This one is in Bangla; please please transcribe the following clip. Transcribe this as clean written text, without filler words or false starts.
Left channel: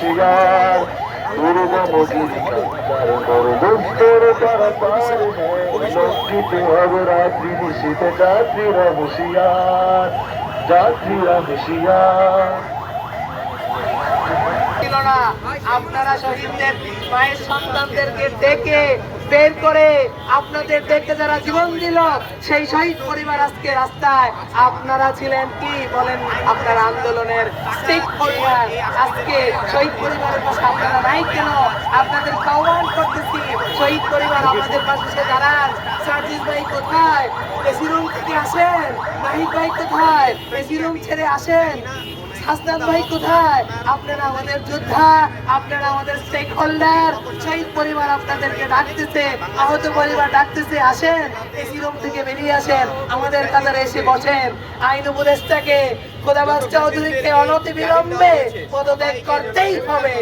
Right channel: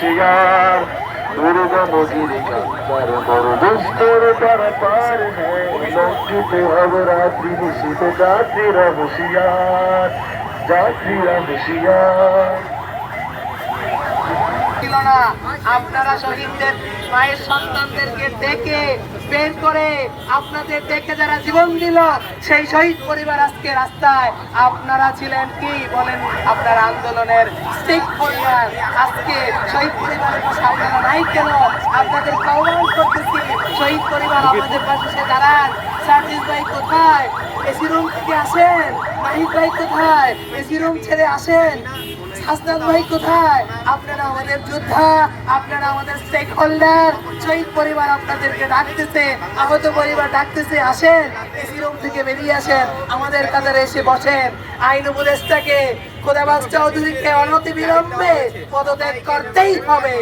হুঁশিয়ার দুর্গম গিরিকান্তার মরুদুস্তর তারা পার নেয় লঙ্ঘিত হবে রাত্রি নিশীতে যাত্রীরা হুঁশিয়ার যাত্রীরা হুঁশিয়ার। ছিল না, আপনারা শহীদদের মায়ের সন্তানদেরকে ডেকে বের করে আপনাদের ডেকে যারা জীবন দিল সেই শহীদ পরিবার আজকে রাস্তায়। আপনারা ছিলেন কি বলেন, আপনার আন্দোলনের স্টেক হোল্ডার। আজকে শহীদ পরিবারের পাশে আপনারা নাই কেন? আপনাদের আহ্বান করতেছি, শহীদ পরিবার আমাদের পাশে দাঁড়ান। সার্জিস ভাই কোথায়? এসি রুম থেকে আসেন। নাহিদ ভাই কোথায়? এসি রুম ছেড়ে আসেন। হাসনাত ভাই কোথায়? আপনারা আমাদের যোদ্ধা, আপনারা আমাদের স্টেক হোল্ডার। শহীদ পরিবার আপনাদেরকে ডাকতেছে, আহত পরিবার ডাকতেছে, আসেন এসি রুম থেকে বেরিয়ে আসেন, আমাদের কাতারে এসে বসেন। আইন উপদেষ্টাকে খোদাবাজ চৌধুরীকে অনতি বিলম্বে পদত্যাগ করতেই হবে।